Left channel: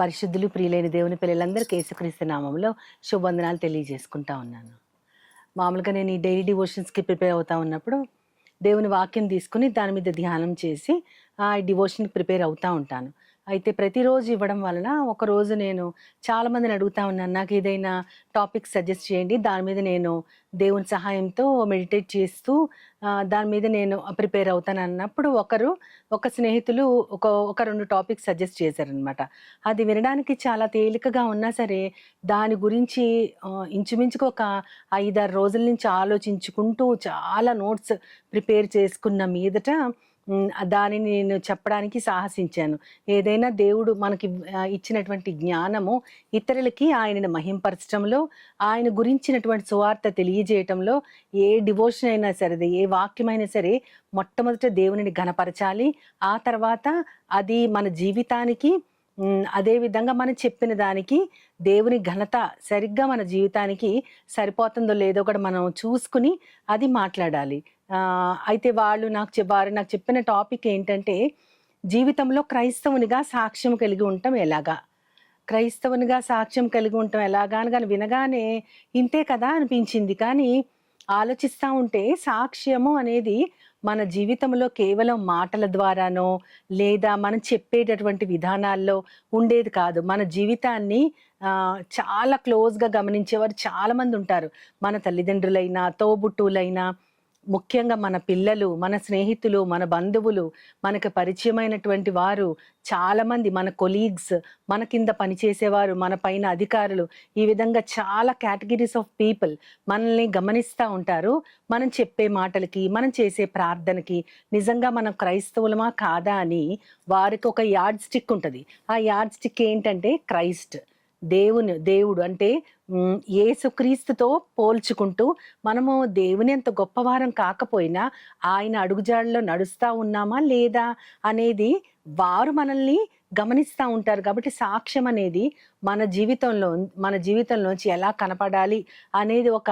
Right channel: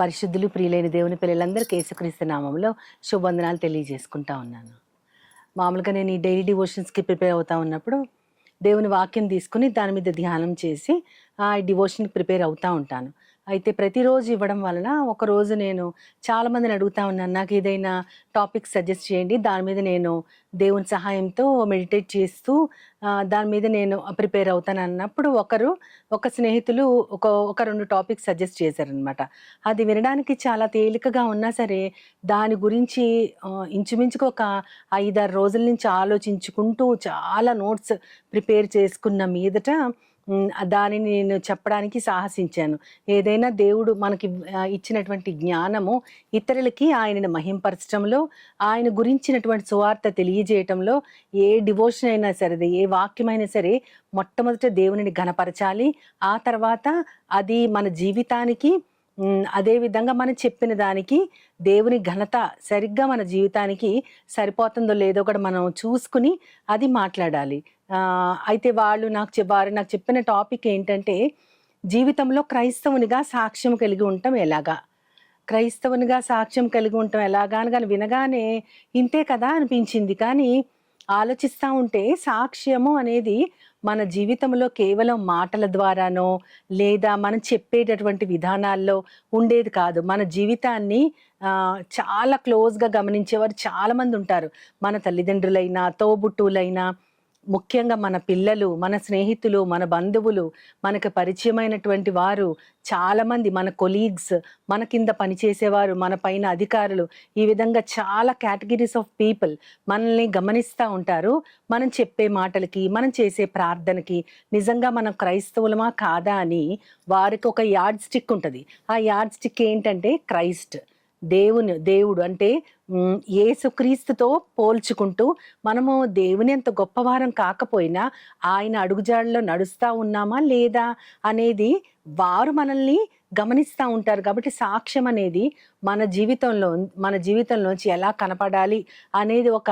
పరిశుద్ధులు ప్రియులైన దేవుని పిల్లలందరికీ యేసుక్రీస్తు నామములో శుభవందనాలు తెలియజేసుకుంటా ఉన్నాను. మామూలుగా నేను ఈ డైలీ డివోషన్స్‌కి ప్రిపేర్ అవుతా ఉన్నప్పుడు, దేవుని వాక్యం తీసుకొని దాని మీద ధ్యానం చేసి ఈ డివోషన్‌కి ప్రిపేర్ అవుతా ఉంటాను. అయితే ప్రతిరోజు ఇవ్వడం వలన ఒకరోజు నేను చాలామందిని అడుగుతా ఉన్నాను. నాకేదైనా టాపిక్ సజెస్ట్ చేయండి. దాని మీద నేను దేవుని సహాయంతో మెడిటేట్ చేస్తూ దాని మీద నేను ప్రిపేర్ అవుతానన్నప్పుడు ఒక స్నేహితులు ఒక 2 టాపిక్స్ సజెస్ట్ చేశారనమాట. అది వినడానికి చాలా తేలికగా ఉన్నా సరే, దాని గురించి ఇంచుమించుగా ఒక 5, 6 రోజుల నుంచి ఆలోచించుకుంటూ చాలా నోట్స్ ప్రిపేర్ చేసుకున్న మీదట దానిని నేను చెప్పడానికి సాహసించాను. ఏదైనా దేవుడు మనకి ఇచ్చినటువంటి జ్ఞానము ఇతరులకి ఆయనను మహింపరచటంలో, ఆయన గురించినటువంటి సువార్త తెలియజేయటంలో ఏ డివోషన్ అయినా సరే, ఏ వాక్యమైనా సరే మొట్టమొదట దేవునిని ఘనపరచాలి. ఆ తర్వాత అది మన జీవితానికి అదే విధంగా మనం చెప్పిన దానికి దేవుని ఘనత సరిగ్గా మన జీవితానికి సరిపోతుందో లేదో కూడా మనం చూసుకొని అది మాట్లాడాలి. అయితే వారు నాకు చెప్పిన టాపిక్ ఏంటంటే, జీవితంలో క్రైస్తవునిగా సాక్ష్యం కలిగి ఉండటం ఎలాగా? క్రైస్తవునిగా సాక్ష్యం కలిగి ఉండటం ఎలాగా అని వినగానే ఇంతే కదా అనిపించింది. కానీ ఆలోచిస్తా ఉంటే సాక్ష్యము అనేది మన జీవితంలో కేవలం మాటల ద్వారానో, లేదా మనం చెప్పేటటువంటి విధానాల్లో ఉండేది కాదు. మన జీవితాన్ని చాలా క్లోజ్‌గా గమనించేవారు చాలామందుంటారు. మన తల్లిదండ్రులైనా, తోబుట్టువులైనా, ముఖ్యంగా మన పిల్లలు, మన స్నేహితులు, మన బంధువులు, మనకు పరిచయమైనటువంటి వారు చాలామంది, మన కొలీగ్స్, మన కింద పనిచేసేవారు, మన పైన అధికారులు, ఈ విధంగా చాలా కేటగిరీస్ ఆఫ్ పీపుల్ మనల్ని గమనిస్తా ఉంటారు. మనం చెప్పే మాటలకి, మనం చేసే ప్రార్థనకి, నిజంగా మనం క్రైస్తవులమా కాదా అని వారికి ఒక యార్డ్ స్టిక్ ఉంటది. ఆ యార్డ్ స్టిక్ ఏంటంటే క్రైస్ట్. దేవుడు అంటే యేసుక్రీస్తుతో పోల్చుకుంటూ మనము దేవుని అంత గొప్పవారం కాకపోయినా ఆయన అడుగుజాడల్లో నడుస్తా ఉన్నామా లేదా అనేది వారు మనల్ని గమనిస్తా ఉంటారు. కాబట్టి సాక్ష్యం అనేది మన జీవితంలోంచి ఎలా కనపడాలి అనేది ఒక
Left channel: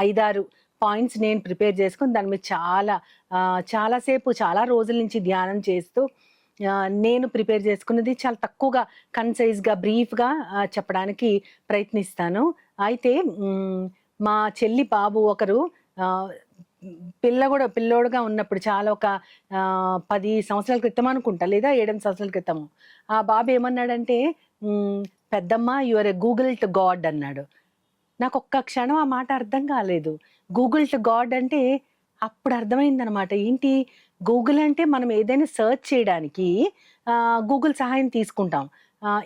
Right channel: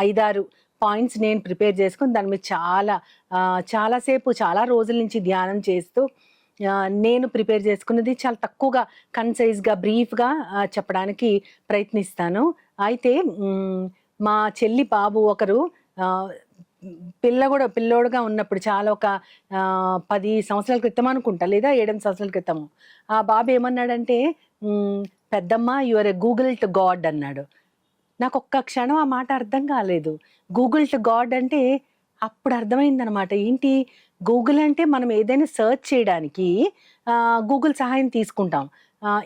5, 6 పాయింట్స్ నేను ప్రిపేర్ చేసుకొని దాని మీద చాలా సేపు చాలా రోజుల నుంచి ధ్యానం చేస్తూ నేను ప్రిపేర్ చేసుకున్నది చాలా తక్కువగా కన్‌సైజ్‌గా, బ్రీఫ్‌గా చెప్పడానికి ప్రయత్నిస్తాను. అయితే మా చెల్లి బాబు ఒకరు ఆహ్, పిల్లోడుగా ఉన్నప్పుడు చాలా ఒక 10 సంవత్సరాల క్రితం అనుకుంటా, లేదా 7, 8 సంవత్సరాల క్రితము. ఆ బాబు ఏమన్నాడంటే, హ్మ్, "పెద్దమ్మ you are a Google to God" అన్నాడు. నాకొక్క క్షణం ఆ మాట అర్థం కాలేదు. గూగుల్ టు గాడ్ అంటే అప్పుడు అర్థమైందనమాట. ఏంటి గూగుల్ అంటే మనం ఏదైనా సెర్చ్ చేయడానికి గూగుల్ సహాయం తీసుకుంటాం.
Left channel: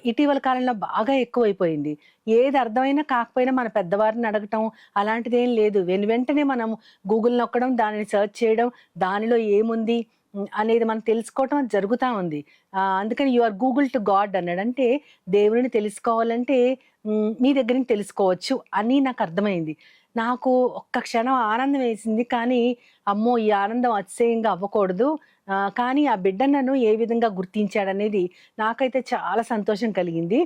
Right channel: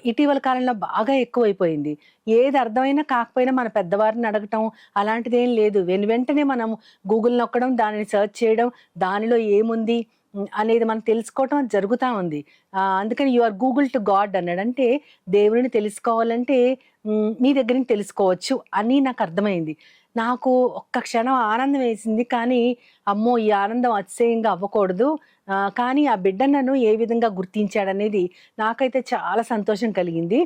ఇటీవల కాలంలో బాగా ఎక్కువైపోయింది. ఏది అర్థమైనా కాకపోయినా మన పెద్దవారిని అడగటం అలాంటిదేం లేదు. వెంటనే మనం గూగుల్ నొక్కడం, దానిని సెర్చ్ చేయడం, దానిలో ఏముంది అనేది మనం తెలుసుకోవటం జరుగుతా ఉంది. అందుకని you are Google to God అన్నాడు. అంటే దేవుడిని తెలుసుకోవాలంటే నీ దగ్గర నుంచి తెలుసుకోవచ్చు అని నాకర్థమైంది. నాకు ఒక్క క్షణం ఆనందం వేసింది. కానీ, అమ్మో! ఈ ఆనందం అతిశయంగా అవ్వకూడదు. కానీ ఆ బిడ్డ నన్ను ఏ విధంగా గుర్తించాడనేది నాకైతే చాలా సంతోషం కలిగింది.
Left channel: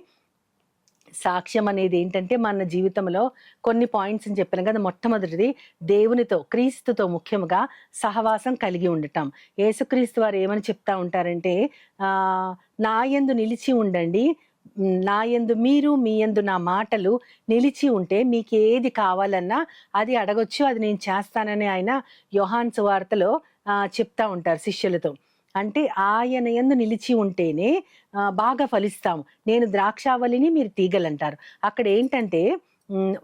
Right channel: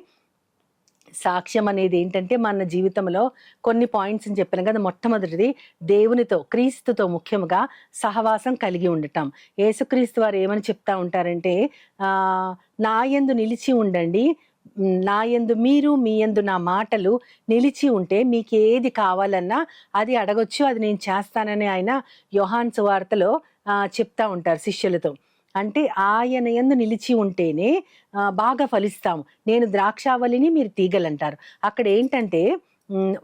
సాక్ష్యం అనేదేంటంటే మన జీవితంలో కొన్ని పాయింట్స్ అని చెప్పాను కదా! మొట్టమొదటిది దేవునితో, క్రీస్తుతో ముఖ్యంగా సహవాసం కలిగి ఉండటం. యేసుక్రీస్తు వారు ఏమని చెప్తా ఉంటారంటే, "నా యందు నిలిచి ఉండండి. నా యందు మీరు, మీ యందు నా మాటలు నిలిచి ఉంటే మీకేది కావాలన్నా అది అడగొచ్చు. అది నేను చేస్తానని" ఆయన యోహాను సువార్తలో చెప్తా ఉంటారు శిష్యులతో. అంటే ఆయన యందు నిలిచి ఉంటేనే బాగా ఫలిస్తాము. నేను ద్రాక్షావల్లిని, మీరు తీగలంటారు. అక్కడేంటంటే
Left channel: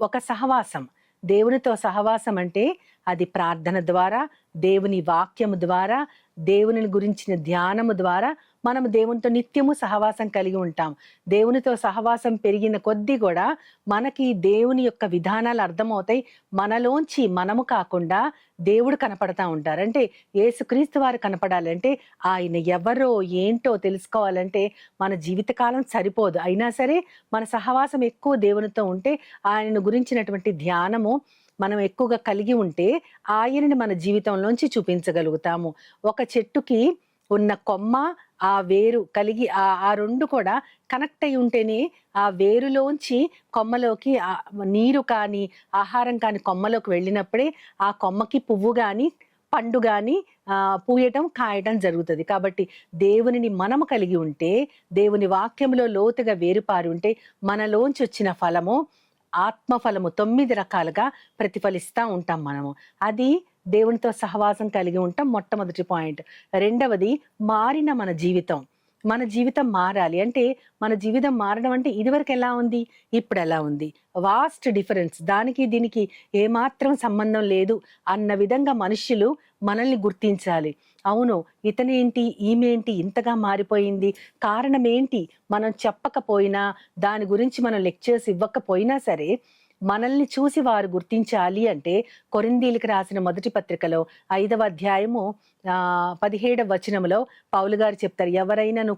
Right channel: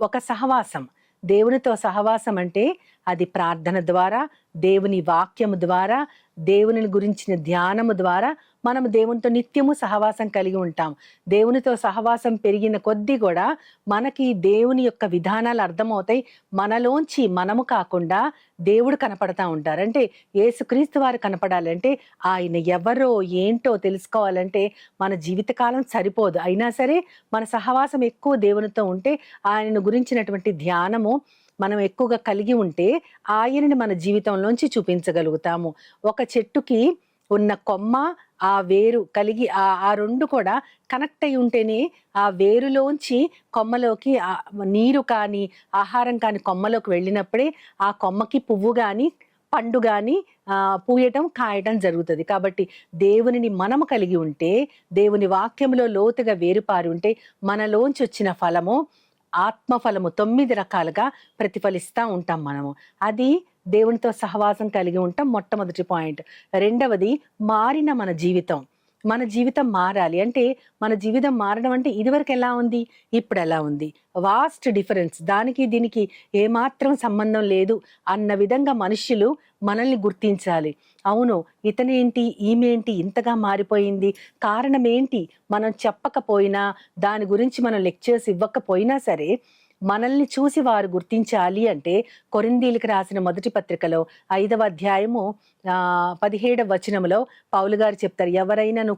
ఒక సహవాసం. దేవునితో సహవాసం అంటే అది ప్రార్థన ద్వారా, దేవుని వాక్యము ద్వారా, దేవునిని గురించిన ధ్యానము ద్వారా మనము దేవునితో నిత్యము సహవాసం కలిగి ఉంటాం. దేవునితో సహవాసం పెరిగిన కొద్దీ గూడా మనకి దేవుని యొక్క విధానాలు అర్థమవుతాయి. మనలోంచి మనము కాకుండా దేవుడు కనపడతా ఉంటారు. అంటే యేసుక్రీస్తు వారు కనపడాలంటే ఆయన ఎవరో, ఏంటో తెలుసుకోవాలంటే మన జీవితకాలం సరిపోదు. అయినా సరే మన సహవాసం ఎక్కువ దేవునితో ఉంటే ఆయనను గురించినటువంటి ధ్యానము మనం ఎక్కువగా కలిగి ఉంటే ఆయనని మన జీవితంలోంచి చూపించగలుగుతాము. ఒక చెట్టుకి ఉన్న కొమ్మ, ఆ వేరు కలిగి ఆ 2 కూడా కనెక్ట్ అయ్యి ఉంటేనే ఆ వేరులోంచి కొమ్మలోకి నీరు కానీ, ఆహారం కానీ కొమ్మలోకి వెళ్ళినప్పుడే ఆ కొమ్మకి పువ్వు గాని, పండు గాని పూయటం, కాయటం జరుగుతది. కాబట్టి దేవునిని మనము కలిగి ఉంటే, దేవుని వాక్యంలో లోతుగా వేరుపారి ఉంటే, మనలోంచొచ్చిన ఫలము ఆత్మ ఫలము 9 రకాలుగా ప్రతిఫలిస్తా ఉంటాం మనము. అది దేవునితో సహవాసం కలిగి ఉంటాం మొట్టమొదటి పాయింట్. రెండవది మారిన మన జీవితం. మన జీవితం మారాలి. అంటే మన జీవితం మారడం అంటే ఇదివరకు ఎలా ఉంది? ఇప్పుడెలా ఉంది? Vast difference. దానికి దీనికి ఏమాత్రం సంబంధం లేదు అన్న విధంగా మనుష్యులు మనల్ని గుర్తించాలి. అవును, ఇతనేంటి? ఈమేంటి ఇంతగా మారిపోయింది? కారణమేంటి? మనం చెప్పకపోయినా, దాని గురించి మనం లెక్చర్స్ ఇవ్వకపోయినా సరే, మనల్ని చూసి వారు గుర్తించాలి అంటే కొరింథీయులకు రాసిన మొదటి పత్రికలో 5వ అధ్యాయము 17వ వచనంలో పౌలు గారు చెప్తారు. ఎవరైనాను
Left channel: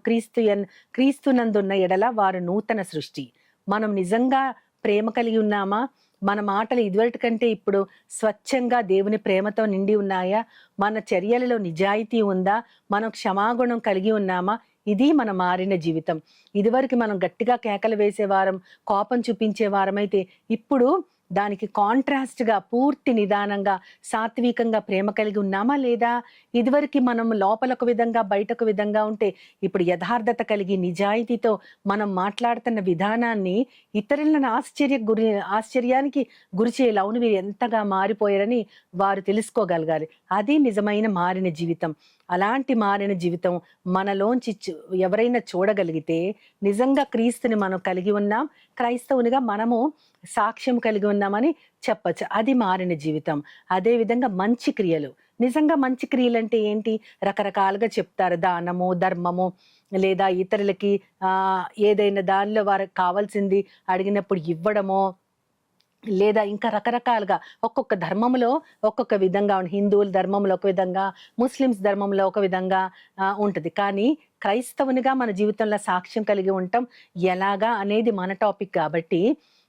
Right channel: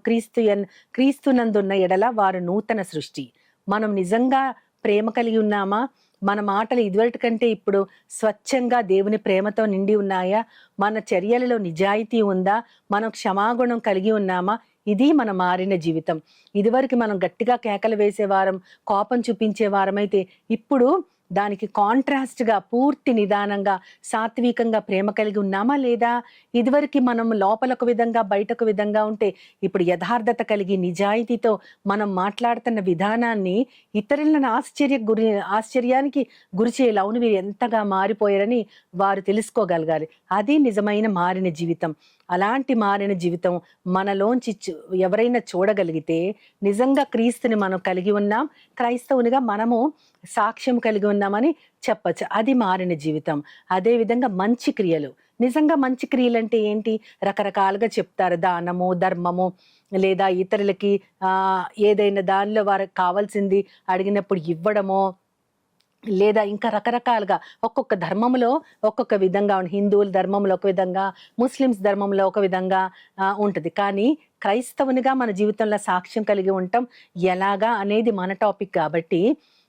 క్రీస్తునందున్న ఎడల వారు నూతన సృష్టి. మనం నిజంగా ప్రేమ కలిగి ఉన్నామా? మన మాటలు ఇదివరటి కంటే ఇప్పుడు స్వచ్ఛంగా దేవుని ప్రేమతో నిండి ఉన్నాయా? మన చర్యలలో నిజాయితీ ఉందా? మనం క్షమాగుణం కలిగి ఉన్నామా? ఇది మన మారిన జీవితం. ఇదివరకు మనం గట్టిగా కేకలు వేసేవారం, కోపం చూపించేవారమైతే ఇప్పుడు దానికి కాంట్రాస్ట్‌గా పూర్తి నిదానంగా, సాత్వికంగా ప్రేమ కలిగి ఉన్నామా లేదా? ఇదివరకి మనం లోపల ఒక విధంగా, బయటొక విధంగా ఉంటే, ఇప్పుడు యథార్థత కలిగి నిజాయితీతో మనం మాట్లాడుతున్న విధానాన్ని ఇతరులను ఆశ్చర్యానికి గురి చేయాలి. అవును, వీరు ఎంతగా మారిపోయారని వారు తెలుసుకోగలగాలి. అది నిజమైన మారిన జీవితం. అలాంటి మారిన జీవితం మనలోంచి ఎవరైనా చూడగలిగితే నిజంగా క్రీస్తుని మనం కలిగి ఉన్నాం, క్రైస్తవునిగా మనము సాక్ష్యం కలిగి ఉన్నామని చెప్పొచ్చు. అది మారిన జీవితం. అదే విధంగా మంచి క్రియలు. నిజంగా మంచి క్రియలంటే ఏంటి? రకరకాలుగా చెప్తారు. దానము, ధర్మము లేదా ఇతరులకి ఏదైనా దానిలో వారికి కావాల్సింది అడిగినప్పుడు ఇవ్వడమో, లేదా ఇంకా రకరకాలుగా ఒక్కొక్క ధర్మంలో ఒక్కొక్క విధంగా హిందువుల ధర్మంలో ఒక విధంగా, ముస్లిమ్స్ ధర్మంలో ఒక విధంగా ఉంటది. కానీ క్రైస్తవునిగా మన జీవితంలో సాక్ష్యం కలిగి ఉంటాం ఎలాగా అనేది మన టాపిక్ కాబట్టి,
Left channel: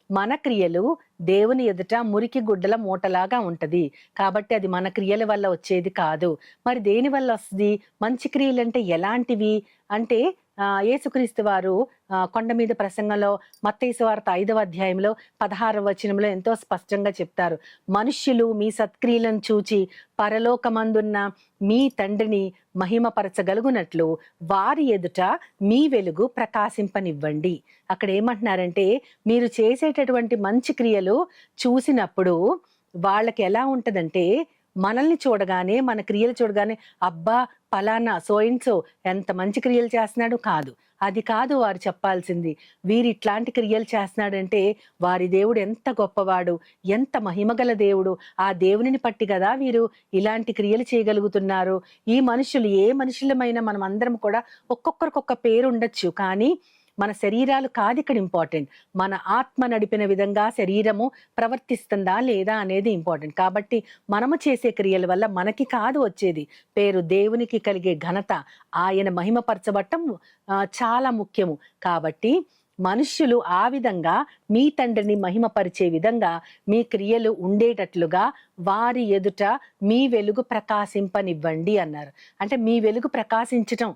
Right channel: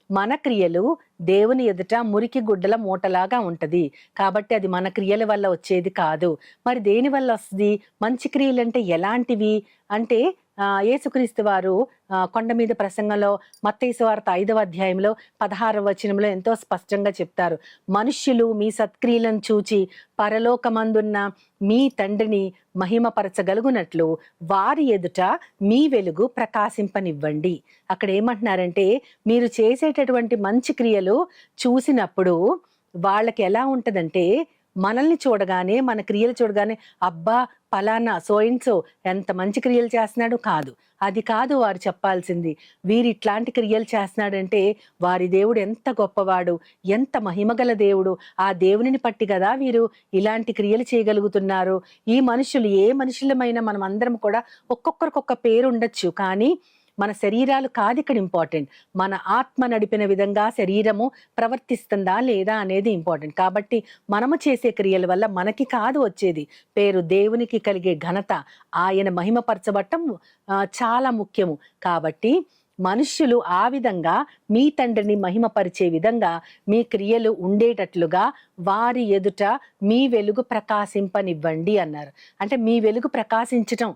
మన క్రియలు దేవుని ఎదుట మురికి గుడ్డల మూటలాగా ఉంటది. కాబట్టి అది మన క్రియల వల్ల వచ్చేది కాదు. మరి దేని వల్ల వస్తది? మంచి క్రియలంటే ఎలాంటివి? అంటే యేసుక్రీస్తు వారు కొండ మీద ప్రసంగంలో మత్తయి సువార్త 5వ అధ్యాయంలో 16వ వచనంలో ఎంతో స్పష్టంగా చెప్తారు. మనుష్యులు మీ సత్క్రియలను చూచి పరలోకమందున్న మీ తండ్రిని మహిమపరచగలుగునట్లు వారి ఎదుట మీ వెలుగు ప్రకాశింపనివ్వండి. అక్కడ ఏమంటున్నారంటే, మీరు చేసేటటువంటి మంచి క్రియలు చూసినప్పుడు వాళ్ళకి ఎలా ఉంటదంటే, మనల్ని చూడగానే, మన క్రియలు చూడగానే, అబ్బా! పలానా సో అండ్ సో ఎంత మంచి క్రియలు చేస్తున్నాడు కాదు. అది కాదు వారు చెప్పాల్సింది. వీరిట్లాంటి క్రియలు చేస్తున్నాడంటే వారి దేవుడు ఎంత గొప్పవాడు, ఎంత మహిమగల దేవుడు. ఆ దేవునిని పట్టి గదా వీరు ఇలాంటి క్రియలు చేయగలుగుతున్నారు. ఈ మనుషులు ఏ మనుషులమైనా మనమందరం కూడా ఒక్కొక్కరికొక్క పేరుండొచ్చు. కానీ మన శరీరాలు కాదిక్కడ ఇంపార్టెంట్. మన ఆత్మ నడిపిన విధంగా శరీరము ప్రవర్తిస్తుందా లేదా అనేది ఇంపార్టెంట్. కాబట్టి మనము చేసే క్రియల వల్ల మనకి కాదు వచ్చేది పేరు, దేవునికి కలిగే ఘనత, ఆయన మహిమపరచబడటం చాలా ముఖ్యము. కాబట్టి మనుష్యులు ఆ విధంగా మీ తండ్రిని మహిమపరిచే విధంగా మీ క్రియలు ఉండేటట్లుగా వారి ఎదుట మీ వెలుగు ప్రకాశింపనివ్వండి అన్నారు. అంటే మీ వెలుగు ప్రకాశించటం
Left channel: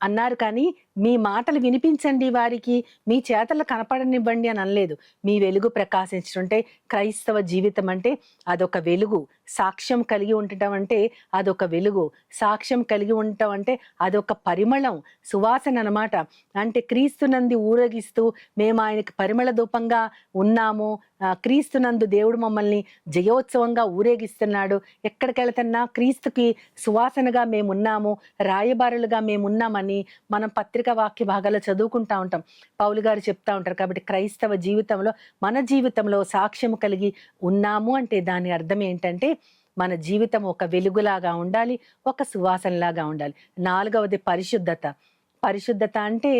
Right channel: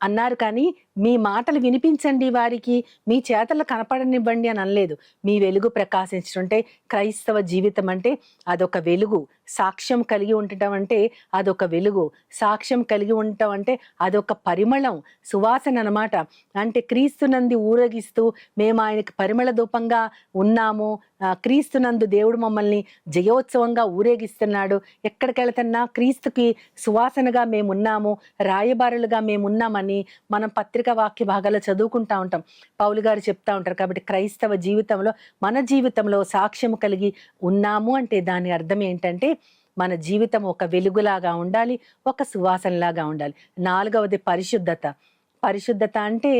అన్నారు కానీ, మీ మాటలు వినిపించండి వారికి, మీ చేతలు కనపడనివ్వండి అని అనలేదు. మీ వెలుగు ప్రకాశించడంటే క్రైస్తవ జీవితం అంటే అదొక వెలుగు. సాక్ష్యం కలిగి ఉండటం అంటే అదొక వెలుగు. సాక్ష్యం కలిగి ఉండటం అంటే అదొక పరిమళం, సువాసన అన్నమాట. అంటే క్రీస్తునందు ఊరేగిస్తూ మేము ఆయనకి పరిమళ ధూపంగా ఉన్నాము. క్రీస్తునందు దేవుడు మమ్మల్ని జయోత్సవంగా ఊరేగిస్తున్నాడు. ఎక్కడికెళ్తున్నా క్రీస్తుకి సువాసనగా మేమున్నాము, రాయబారులుగా మేమున్నామని మనం పత్రికా వాక్య భాగాల్లో చదువుకుంటా ఉంటాం. పౌలు గారు చెప్తా ఉంటారు. కాబట్టి క్రైస్తవ జీవితంలో, మన జీవితంలో సాక్ష్యము కలిగి ఉన్నాము అంటే దాని అర్థం ఏంటంటే, మన జీవితం ఒక వెలుగులాగా ఉండాలి, ఒక సువాసనలాగా ఉండాలి. 4వది పరిశుద్ధత. పరిశుద్ధత అంటే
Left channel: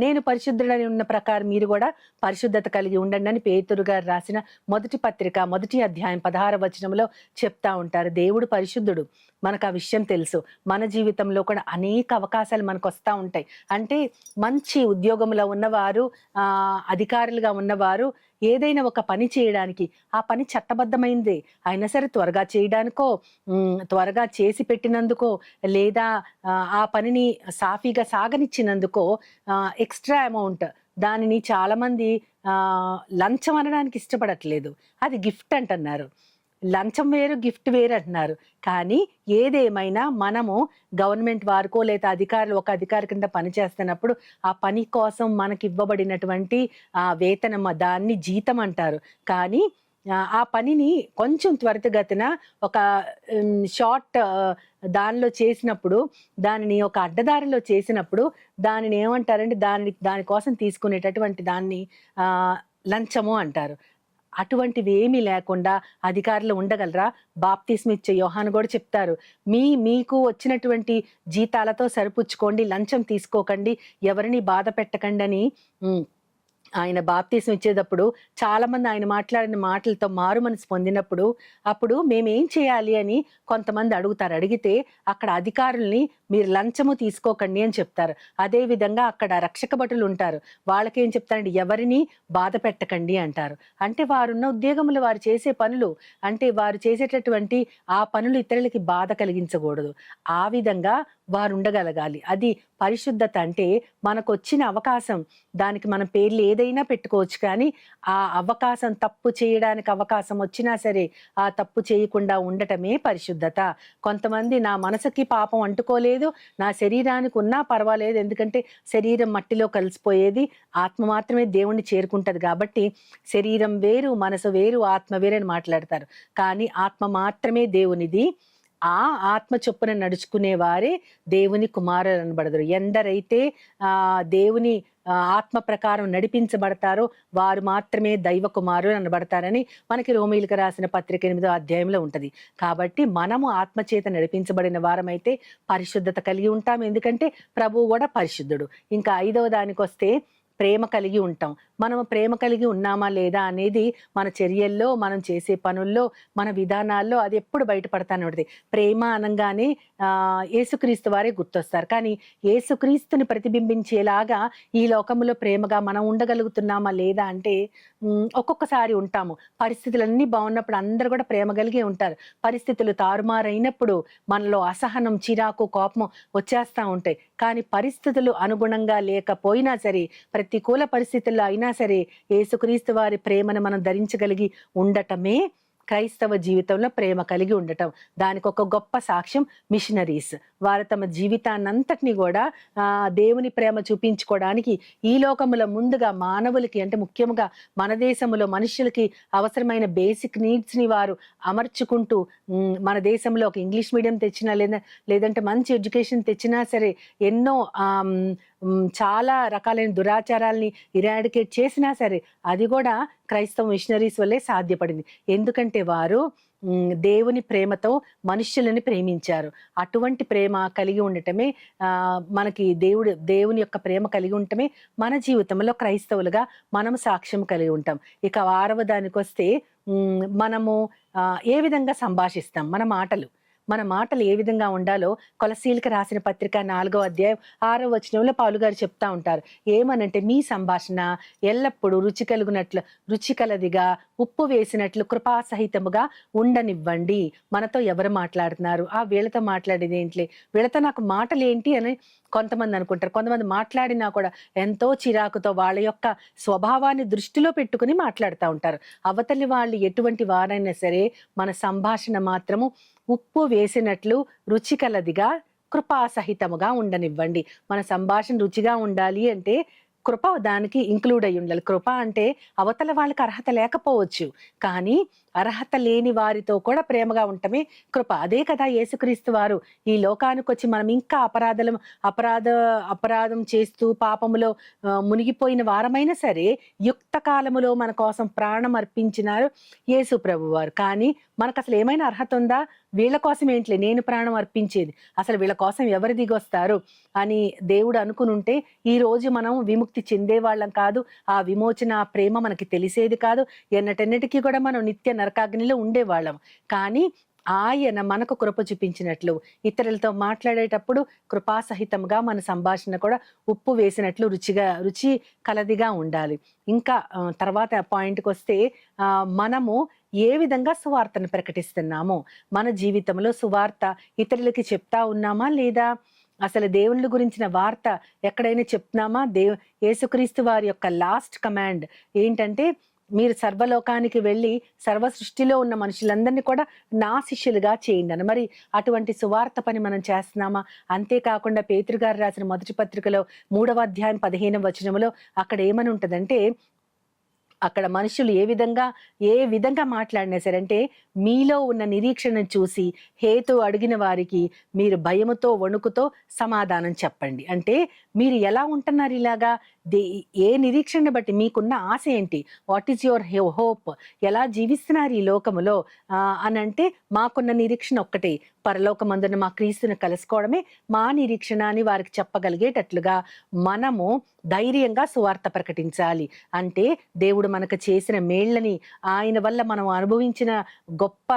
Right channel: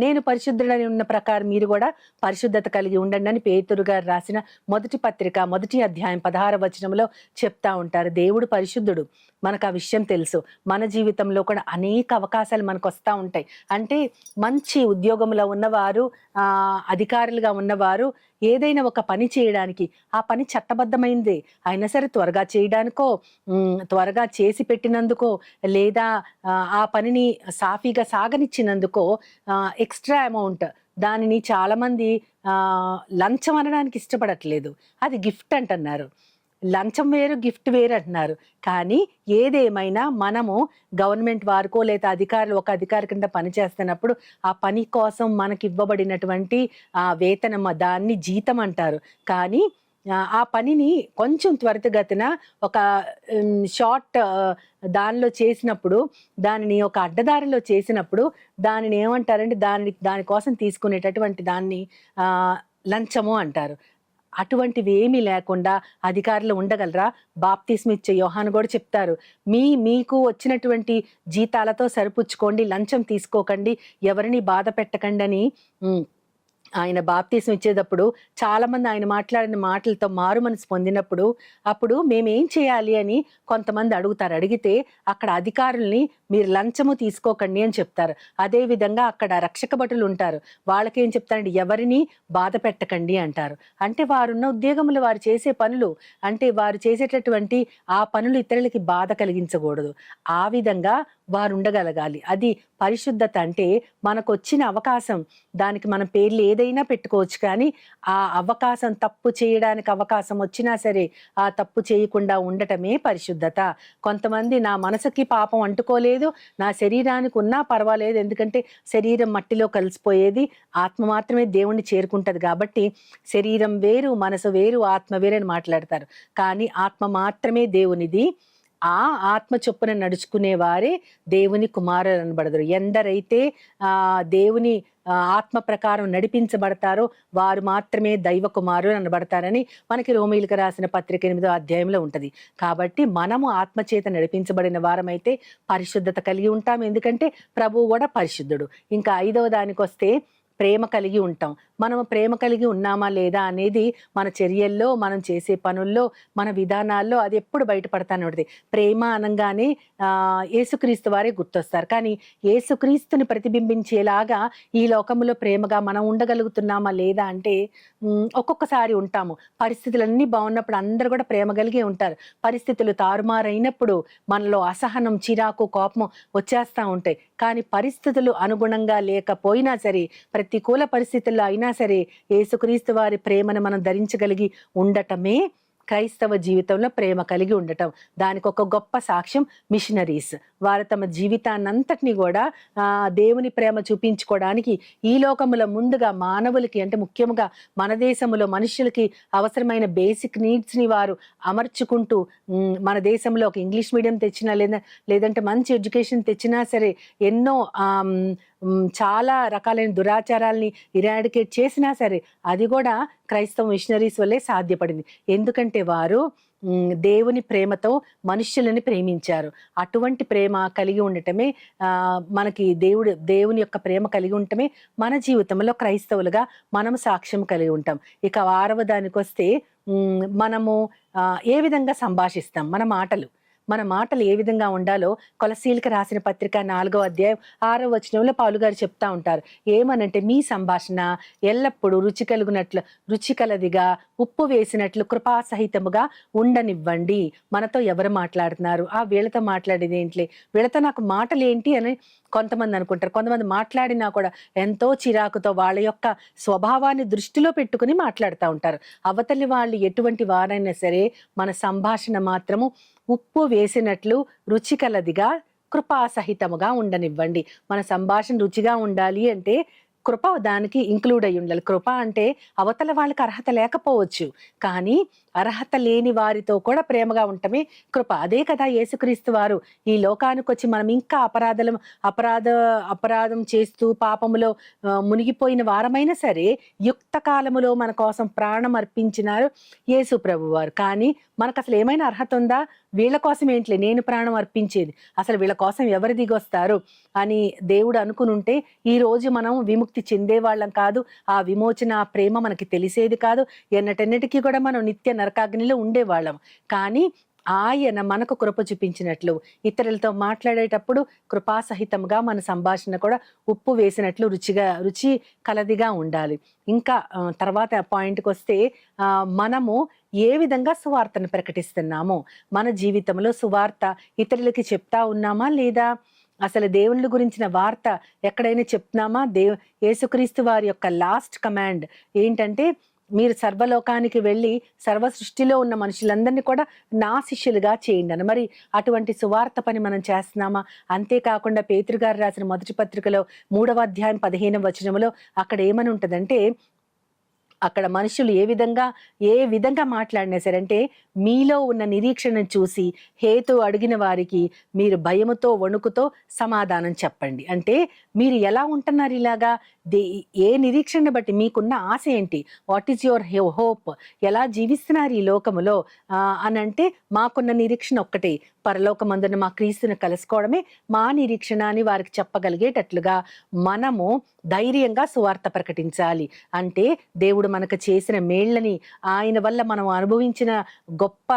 నేను పరిశుద్ధుడని ఉన్న ప్రకారం మీరు కూడా పరిశుద్ధత కలిగి ఉండండి అని పేతురు గారు రాసిన మొదటి పత్రిక 1వ అధ్యాయం 16వ వచనంలో చెప్తా ఉంటారు. దేవుడు పరిశుద్ధుడు, మనకు ఆ విషయం తెలుసు. మన జీవితంలో కూడా అనేక అవకాశాలు మనకు వస్తూ ఉంటాయి. అంటే మంచి ఉద్యోగంలో ఉన్నవారు, అధికారులుగా ఉన్నవారు ఏదైనా ఒక పని చేయడానికి, ఆ పని చట్టబద్ధమైందే అయినా సరే త్వరగా చేయడానికో, త్వరగా చేసి పెట్టినందుకో, లేదా ఆ పనిని సాఫీగా సాగనిచ్చినందుకో ఎక్స్ట్రా అమౌంట్, దానిని చాలా మంది లంచం అనడానికి ఇష్టపడట్లేదు. అది గిఫ్ట్ అంటున్నారు. లంచం వేరు, గిఫ్ట్ వేరు అంటున్నారు. కానీ ఏదేమైనా మనము గవర్నమెంట్ వారికో లేదా అధికారులు ఒక అధికారి కింద పని చేస్తున్నప్పుడు ఆ పని కోసం మనకివ్వబడినటువంటి వేతనం దాన్ని జీతం అంటారు. కానీ ఆ పనిని కొంచెం త్వరితగతిన ఒక షార్ట్ దానిలో చేసినప్పుడు, దానిని ఒక అడ్డదారిలో చేసినప్పుడు దానిని ఏమంటారంటే దాని కోసం తీసుకునేటటువంటి దాన్ని లంచము అంటారు. అటువంటివి ఏమీ లేకుండా అధికారులు ఉండగలరా? బాప్తిస్మిచ్చే యోహాను గూడా చెప్తారు. మీకు వచ్చినటువంటి జీతాలతో సరిపుచ్చుకోండి, లంచం తీసుకోకండి, ఎవరిని బాధ పెట్టకండని ఆయన బాప్తిసం ఇచ్చేటప్పుడు చాలామంది ఆయన మాట్లాడిన మాటలతో మారు మనసు పొందినప్పుడు, అప్పుడు మేమేం చేయాలి అని కొంతమంది అడుగుతారు. అడిగితే అక్కడ అధికారుల్ని మీరు లంచము తీసుకోకండి అని చెప్తారు. అదే విధంగా అక్కడ రక్షక భటులు ఉంటారు. వాళ్ళకేం చెప్తారంటే ఎవరిని బాధ పెట్టకండి అంటారు. అంటే వారున్న ఉద్యోగములు, వారు చేసే పనులు, అంటే వారు చేసేటటువంటి ఆ పనులు ఇతరులకి బాధ కలిగించకూడదు. ఆ విధంగా వారు ఉండగలగాలి. అది పరిశుద్ధత. అంటే మనకొచ్చిన అవకాశం, దానికి మనం పేర్లు ఏదైనా పెట్టుకోవచ్చు, కానీ ఆ అవకాశం, తప్పు చేయడానికి అవకాశం వచ్చినా సరే ఆ తప్పు చేయకుండా ఉండటమే పరిశుద్ధత. కొంతమంది నా మనసుకి పాపం అంటుకోలేదు, నా శరీరానికి ఉన్నా పర్వాలేదు, ఎందుకంటే శరీరం మట్టిలో కలిసిపోయేది, ఆత్మ మాత్రమే దేవుణ్ణి చేరుకుంటది కాబట్టి శరీరం వేరు, మనసు వేరు, ఆత్మ వేరు అని మాట్లాడతారు. కానీ ఆత్మ మాత్రమే దేవునిది. ఆ ఆత్మ చొప్పున నడుచుకునే వారే దేవుని కుమారులు అనబడదురు. ఎందరైతే దేవుని ఆత్మ ప్రకారం నడిపించబడతారో వారు మాత్రమే దైవ కుమారులు అనబడతారని మనకి రోమీయులకు రాసిన పత్రిక 8వ అధ్యాయంలో ఉంటది. కాబట్టి మనము ఆత్మచేత నడిపించబడిన వారమైతే పరిశుద్ధత కలిగి ఉంటాం. ఎందుకంటే ప్రభువు కూడా పరిశుద్ధుడు. ఇంకా 5వ దానికొస్తే ప్రేమ కలిగి ఉంటాం. మనము ప్రేమ కలిగి ఉన్నామా లేదా అనేది మన చర్యల్లో, మనం చేసే పనుల్లో, మన విధానాల్లో అది ఎప్పుడు బయటపడతానే ఉంటది. ప్రేమ అనంగానే యేసుక్రీస్తు వారే గుర్తొస్తారు. కానీ యేసుక్రీస్తుని ప్రతిబింబించేలాగా ఈ లోకంలో ప్రేమగా మనం ఉండగలుగుతున్నామా లేదా అంటే ఒక్కొక్కసారి ఉంటాము. పరిస్థితులన్నీ బాగున్నప్పుడు అందరూ కూడా ప్రేమ కలిగే ఉంటారు. పరిస్థితులు తారుమారైనప్పుడు మనలో అసహనం, చిరాకు, కోపం వచ్చేస్తా ఉంటాయి. కానీ పరిస్థితులు అనుగుణంగా లేకపోయినా సరే, ప్రతికూల పరిస్థితుల్లో అయినా సరే యేసుక్రీస్తు వారి ప్రేమను మనం ధరించగలిగి ఉండటమే క్రైస్తవ జీవితంలో ప్రేమ కలిగి ఉండటం. దానికి ఒక గొప్ప సాక్ష్యం మిషనరీస్. వారు తమ జీవితాన్నంతటిని కూడా దేవుని ప్రేమ చూపించుకోవడానికి ఈ లోకములో ముందుగా మానవులకి, అంటే ముఖ్యంగా మన దేశంలో మనుషులకి అవసరమైన బేసిక్ నీడ్స్ ని వారు అమర్చుకుంటూ, మన దేశంలో ఒక ఇంగ్లీష్ మీడియం తెచ్చినా లేదంటే మంచి ఎడ్యుకేషన్ తెచ్చినా సరే, ఎన్నో చాలా రకాలైన దురాచారాల్ని ఇరాడికేట్ చేసినా సరే అది కూడా క్రైస్తవ మిషనరీస్ వల్లే సాధ్యపడింది. ఎందుకంటే వారు దేవుని ప్రేమతో మనుష్యులని ప్రేమించారు. అటువంటి ప్రేమ కలిగి ఉండటమే మనకి దేవుని యొక్క ప్రేమ కలిగి ఉండటమే మన జీవితంలో క్రైస్తవులుగా మనం సాక్ష్యం కలిగి ఉంటాం. ఇక 6వ దానికొస్తే మనము ఏ విధంగా సంభాషిస్తాం, మన మాటలు ఏ విధంగా ఉండాలో కొలసీలకు రాసిన పత్రిక 4వ అధ్యాయం 6వ వచనంలో పౌలు గారు చెప్తా ఉంటారు. ఏమనంటే మీ సంభాషణ ఎల్లప్పుడూ రుచి కలదిగా, ఉప్పు వేసినట్లు కృపాసహితముగా ఉండనివ్వండి. మనతో ఎవరు మాట్లాడుతున్నారు, వీళ్ళతో మాట్లాడేది ఏంటిలే, వీళ్ళతో నాకు మాటలేంటి అని కొంతమంది అనుకుంటారు. కొంతమంది మాట్లాడినా కూడా ఎంతో చిరాకుతో వాళ్ళ యొక్క స్వభావాన్ని దృష్టిలో పెట్టుకుని మాట్లాడుతూ ఉంటారు. అవతలి వాళ్ళు ఎటువంటి వారైనా సరే మన సంభాషణ మాత్రము ఉప్పు వేసినట్లు రుచి కలదిగా, కృపాసహితముగా ఉండనివ్వండి. మన సంభాషణ రుచిగా ఉండాలి అంటే కృప దానికి ఇంక్లూడ్ అయ్యి ఉండాలి. కృప అంటే అవతల వాళ్ళకి అర్హత లేకపోవచ్చు, కానీ అర్హత లేని వారితో కూడా ప్రేమగా ఉండటమే కృప. అదే కదా యేసుక్రీస్తు వారు ఈ లోకానికి వచ్చి మనం ఇంకా అపరాధం చేస్తూ పాపములో మునిగిపోయిన వారమైనా సరే యుక్త కాలములో మన కోసం ప్రాణం అర్పించినారు యేసు ప్రభు వారు. కానీ మనకు అసలు ఏమైనా అర్హత ఉందా? వీళ్ళ కోసం ఏంట్లే నేను ప్రాణం అర్పించేది, అసలు వీళ్ళ కోసం ఎవరు దిగొస్తారు అని దేవుడు అనుకునుంటే ఈ రోజు మనం విముక్తి చెందేవాళ్ళం కాదు. ఆ విమోచన, ఆ ప్రేమ మనకి తెలిసేది కాదు. ఎన్నటెన్నటికీ కూడా మనం నిత్య నరకాగ్నిలో ఉండేవాళ్ళం. కానీ ఆయన మనకు కృప చూపించినట్లు ఇతరులతో మాట్లాడేటప్పుడు కృపాసహితంగా మన సంభాషణ కూడా ఉప్పు వేసినట్లు రుచి కలదిగా ఉండాలి. ఇంకా తర్వాత పాయింట్కి వస్తే మనము ఏ విధంగా సువార్తను ప్రకటిస్తున్నామో, మన జీవితంలో సువార్త ఇతరులకి చెప్తా ఉన్నామా లేదా, అసలు దేవుళ్ళ గురించిన వార్త ఎక్కడైనా చెప్తున్నామా? యేసుక్రీస్తు వారి యొక్క లాస్ట్ కమాండ్ ఏంటంటే మీరు సర్వలోకానికి వెళ్ళి సర్వ సృష్టిలో ఉన్న మనుషులందరినీ కూడా నా శిష్యులుగా చేయండి అని. మరి అటువంటి సువార్త పని మనం చేస్తున్నామా? అంతేకాకుండా పేతురు గారు రాసిన మొదటి పత్రికలో 3వ అధ్యాయం 15వ వచనంలో అక్కడ ఏమని ఉంటదంటే, అక్కడ మనుషులు ఏ విధంగా మాట్లాడినా సరే, అంటే మీలో ఉన్న నిరీక్షణను చూసి హేతు అడిగిన వారికి మీరు భయముతో వణుకుతో సమాధానం చెప్పండి. అంటే మీరు ఎలా ఉంటున్నారు ఇలాగా? ఏ నిరీక్షణ బట్టి మీకున్న ఆశ ఏంటి? What is your hope? ఎలా జీవిస్తున్నారు ఈ లోకములో అని అంటే, మాకున్న నిరీక్షణ ఒక్కటే, పరలోకమందున మా క్రీస్తుని కలుసుకోవడమే మా నిరీక్షణ అని వారికి చెప్పగలిగేటట్లుగా మనము ధైర్యంగా సువార్త ప్రకటించాలి. అంటే దేవుడు మనకు చేసిన మేళ్ళని, ఆయన వల్ల మనం అనుభవించిన గొప్ప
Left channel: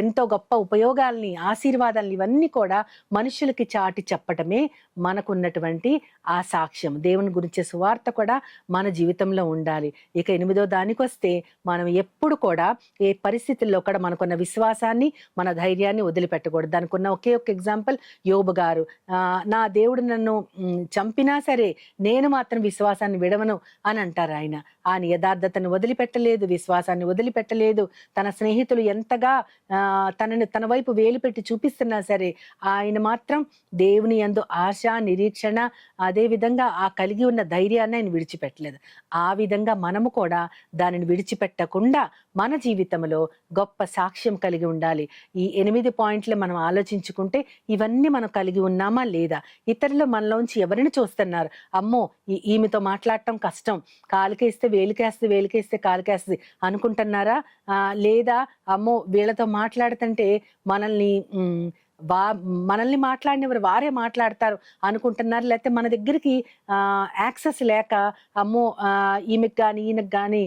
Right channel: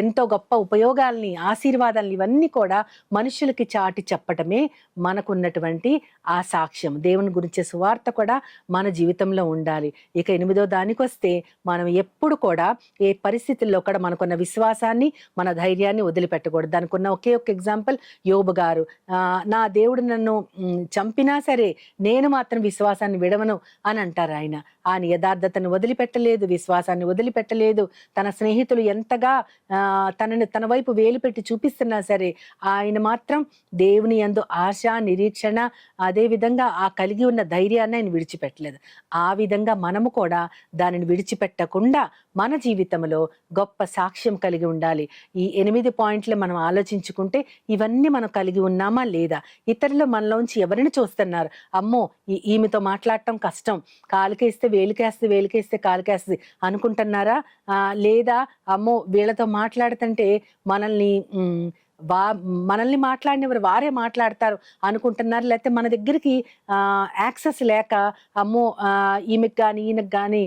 ఎంతో గొప్ప ఉపయోగాల్ని, ఆశీర్వాదాలని ఇవన్నీ కూడా మనుషులకి చాటి చెప్పటమే మనకున్నటువంటి ఆ సాక్ష్యం. దేవుని గురించే సువార్త కూడా మన జీవితంలో ఉండాలి. ఇక 8వ దానికొస్తే, మనం ఎప్పుడు కూడా ఏ పరిస్థితుల్లో కూడా మనకున్న విశ్వాసాన్ని, మన ధైర్యాన్ని వదిలిపెట్టకూడదు. దానికున్న ఒకే ఒక ఎగ్జాంపుల్ యోబు గారు. నా దేవుడు నన్ను చంపినా సరే నేను మాత్రం విశ్వాసాన్ని విడవను అని అంటారు ఆయన. ఆయన యథార్థతను వదిలిపెట్టలేదు, విశ్వాసాన్ని వదిలిపెట్టలేదు. తన స్నేహితులు ఎంతగా తన వైపు వేలు పెట్టి చూపిస్తున్నా సరే ఆయన మాత్రం దేవుని యందు ఆశ, నిరీక్షణ, అదే విధంగా ఆ కలిగి ఉన్న ధైర్యాన్ని ఆయన విడిచిపెట్టలేదు. ఆ విధంగా మనము కూడా దానిని విడిచిపెట్టకుండా మన జీవితంలో గొప్ప సాక్ష్యం కలిగి ఉండాలి. ఈ 8 పాయింట్లు మనం ఆలోచించుకుంటే ఇవన్నీ మనం కలిగి ఉన్నామా లేదా? ఇతరులు మనలోంచి ఎవరిని చూస్తున్నారు? అమ్మో ఈమెతో మాట్లాడటం కష్టం, కాలికేస్తే వేలికేస్తే, వేలికేస్తే కాలికేస్తుంది అనుకుంటున్నారా? లేదా అమ్మో వీళ్ళతో మాట్లాడుతుంటే మనల్ని మాట్లాడినవారు వారే మాట్లాడతారు అనుకుంటున్నారు. లేకపోతే మన దగ్గరికి యాక్సెస్ లేక అమ్మో ఈమెకు కానీ ఈయనకు కానీ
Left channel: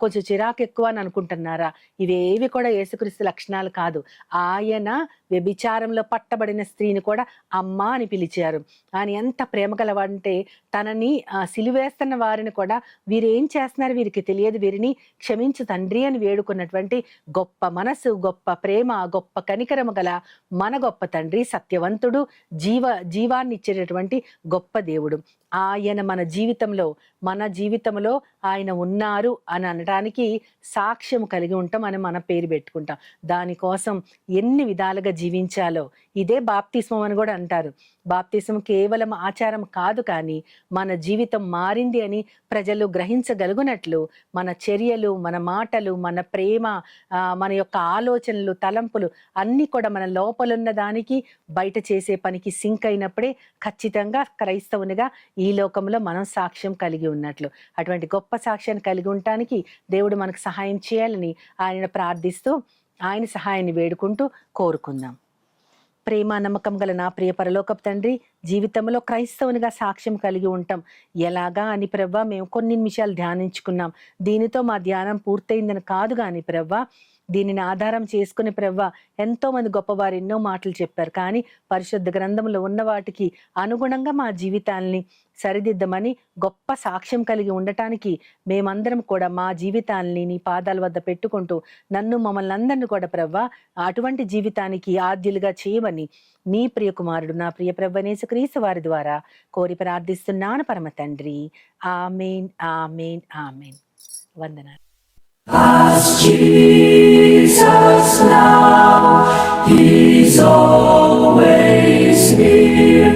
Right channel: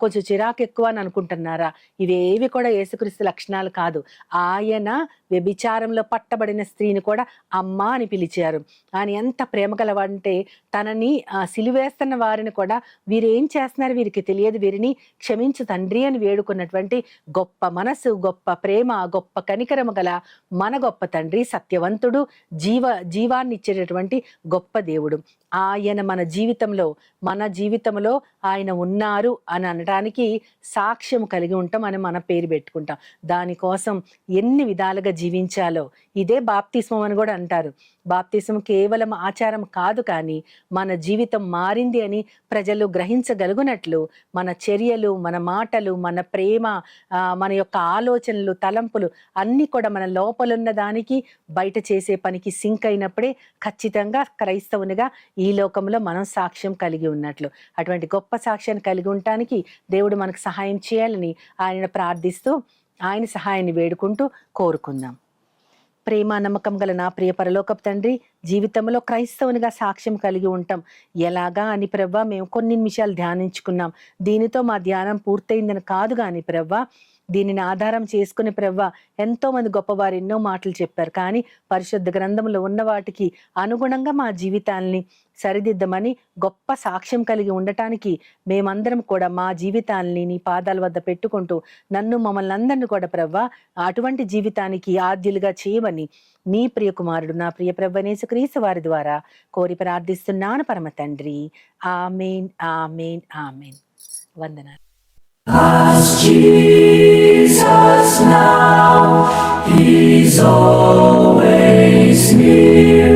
కొంచెం చిరాకు ఎక్కువ అని అనుకుంటున్నారా? ఇవేవి కూడా యేసుక్రీస్తు లక్షణాలు కాదు. ఆయన వ్యభిచారంలో పట్టబడిన స్త్రీని కూడా అమ్మ అని పిలిచారు. ఆయన ఎంత ప్రేమ గలవంటే తనని సిలువేస్తున్న వారిని కూడా వీరేం చేస్తున్నారు వీరికి తెలియదు, వీరిని క్షమించు తండ్రి అని వేడుకున్నటువంటి గొప్ప మనసు, గొప్ప ప్రేమ, గొప్ప కనికరము గల మన గొప్ప తండ్రి, సత్యవంతుడు, జీవాన్ని ఇచ్చేటటువంటి గొప్ప దేవుడు. ఆయన మన జీవితంలో ఆయన ఉన్నారు అని అనడానికి సాక్ష్యం కలిగి ఉంటాం అని మన పేరు పెట్టుకుంటాం. దానికోసం ఎన్ని విధాలుగా జీవించాలో ఇదే బాప్తిస్మం అని కూడా అంటారు. బాప్తిస్మం కేవలం ఆచారం కాదు, కానీ మన జీవితం మారింది అని ప్రజలు గ్రహించగలుగునట్లు మన చర్యలు, మన మాటలు, మన ప్రేమ, మన యొక్క ఆలోచనలు, తలంపులు అన్నీ కూడా మన లోపలున్న దానికి బయట చేసే పనికి సింక్ అయినప్పుడే ఖచ్చితంగా క్రైస్తవునిగా ఈ లోకంలో మనం సాక్ష్యం కలిగి ఉన్నట్లు. అటువంటి గొప్ప సాక్ష్యాన్ని కలిగి ఉండటానికి దేవుడు మనకు సహాయం చేయాలని ఆయన ప్రార్థిస్తూ, ఆయన సహాయాన్ని వేడుకుంటూ కోరుకుందాం. ప్రేమ నమ్మకం గల నా ప్రియ పరలోకపు తండ్రి, జీవితంలో క్రైస్తవునిగా సాక్ష్యం కలిగి ఉంటాం ఎలాగా అని ప్రవ్వా మేము కొన్ని నిమిషాలు ధ్యానించుకున్నాం. దీనితో మా ధ్యానం పూర్తయిందని కాదు కానీ ప్రవ్వా, దీనిని ఆధారం చేసుకుని ప్రవ్వా ఎంతో మంది గొప్పవారు ఎన్నో మాటలు చెప్పారు. కానీ పరిశుద్ధ గ్రంథంలో ఉన్న వాటికి అనుగుణంగా మా జీవితాల్ని సరిదిద్దమని గొప్ప సాక్ష్యం కలిగి ఉండటానికి మేమందరం కూడా మా జీవితాల్ని నీ పాదాల వద్ద పెట్టుకుంటూ మమ్మల్ని అందరినీ కూడా ప్రవ్వా అటువంటి జీవితానికి ఆద్యులుగా చేయమని నీ ప్రియ కుమారుడు నా ప్రియ ప్రభువైన యేసుక్రీస్తు వారి ద్వారా కోరి ప్రార్థిస్తున్నాను పరమ తండ్రి. ఆమేన్, ఆమేన్, ఆమేన్. వందనాలు. As Jesus now, He's always near.